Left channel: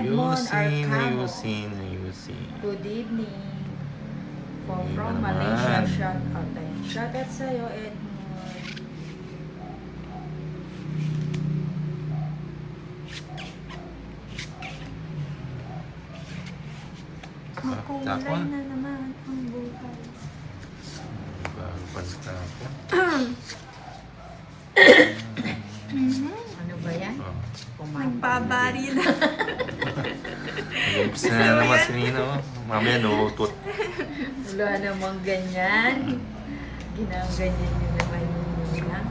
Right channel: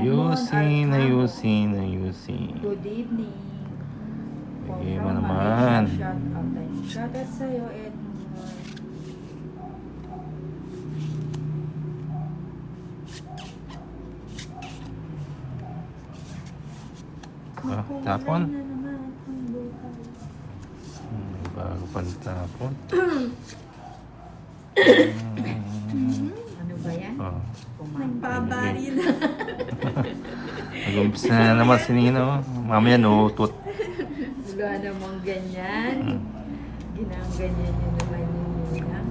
Edmond Ayusin, Arcamo. ayusin, ayusin. Good evening. Ayun From naman. Malaysia, shout out tayo. Shout out sa'yo, Edmond. Makulay Tapon? na naman ang buhay. Pantapon. Ano ba yan? Oh. Nagbabari na. Lips na naman si Nino. Mamaya nuutot. Wala namang ganyan. Ginaganyan niyo naman yun.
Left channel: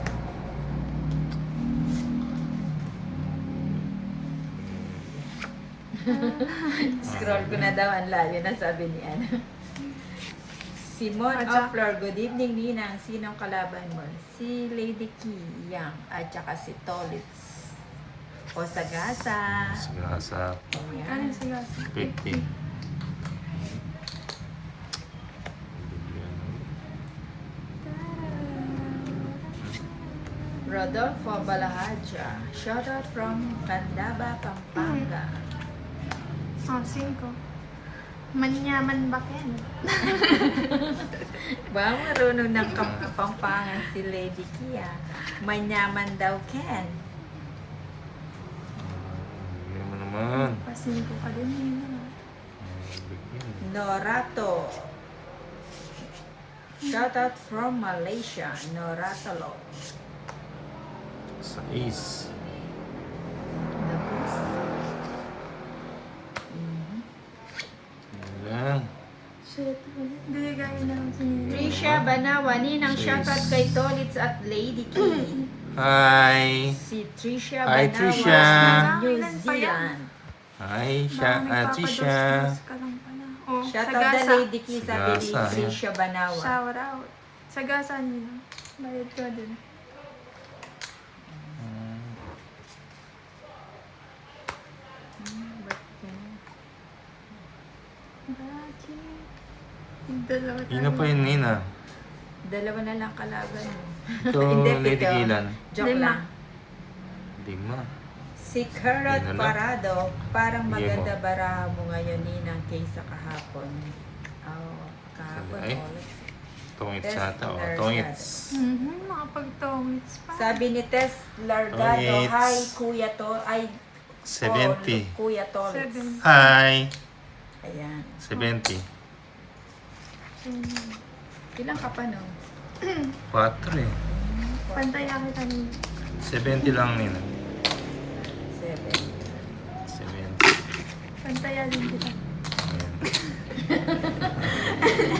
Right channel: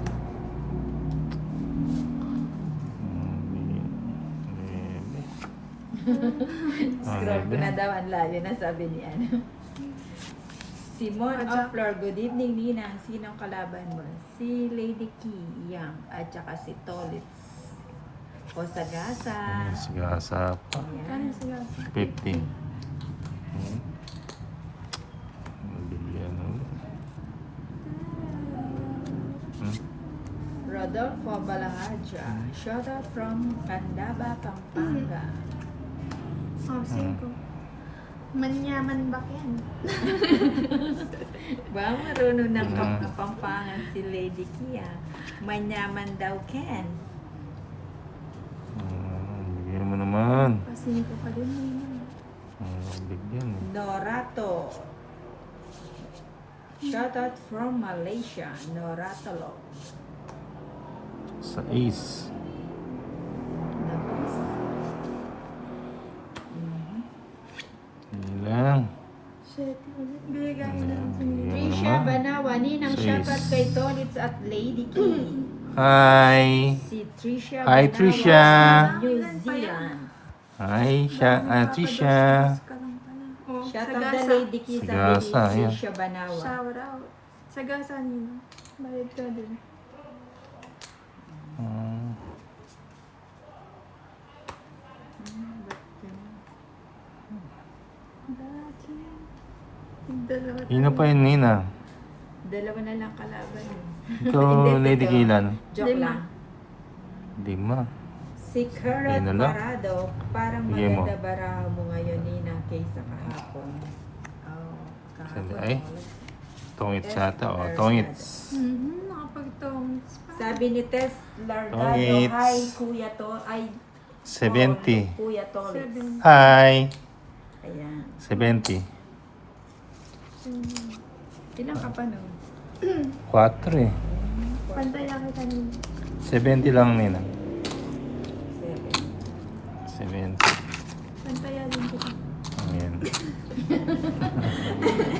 Scroll ko na daw, ang layo na sabi ni Ana. Simon Offlor, good evening Ninang. Sinong kalaban mo? Si Lady Key Yang at saka si Tolitz. O Sagasa. Sigasa. Ano siya? 15. Rodolfo Balahaja. Shoutout from Candaba, Pampanga. Oh, 5. Manyaman ba yan? Ba, marunong ng Kapampangan si Lady Kia. Manyaman daw Ken. Bigyan mo naman. Pa-5 ka din yun. Bigyan. Norato. Shoutout from Malaysia. Noratolo. Sa is. Yan lang. Shit. Bibigay na lang si Nina. Trisha Banawa. Ninang Yes. shoutout kay Tolitz at Lady Key. Hi. Si Trisha Hi, Banawa Trisha. sa New Zealand. Hi, siya. Trisha. Ka lang pala. Oh, Shoutout na sagasa. Lady Key sa Lady Sagasa, yan. Trisha Banawa. Shout out. Sagasa nila. Bayad ko din. Bakit? Dalawa Sino pa yun, Nina? Dalawa na lang kalaban mo. Ikaw, Hindi, Lady tito. Kinan. Joke Lima. lang. Di ma. Si Carrot Yun na lang. Parado, parang Bigyan mo. maganda bara mo ngayon Ninang kaysa kahapon. Oh, kahapon. Ay. oh. Tongits Test yata. O, Largas. tongits. Makapag-tongits pa. Sabi ni Tess Largado, Tongits. hi Kuya To, ay 70. Kuya Tolitz. 7. Hi. Ayan. 70. Ilang ka pa no? 4 eh. Pantay na kita nila. 70 lang, Nina. 7. 70. Pantayan din kita. Ayan.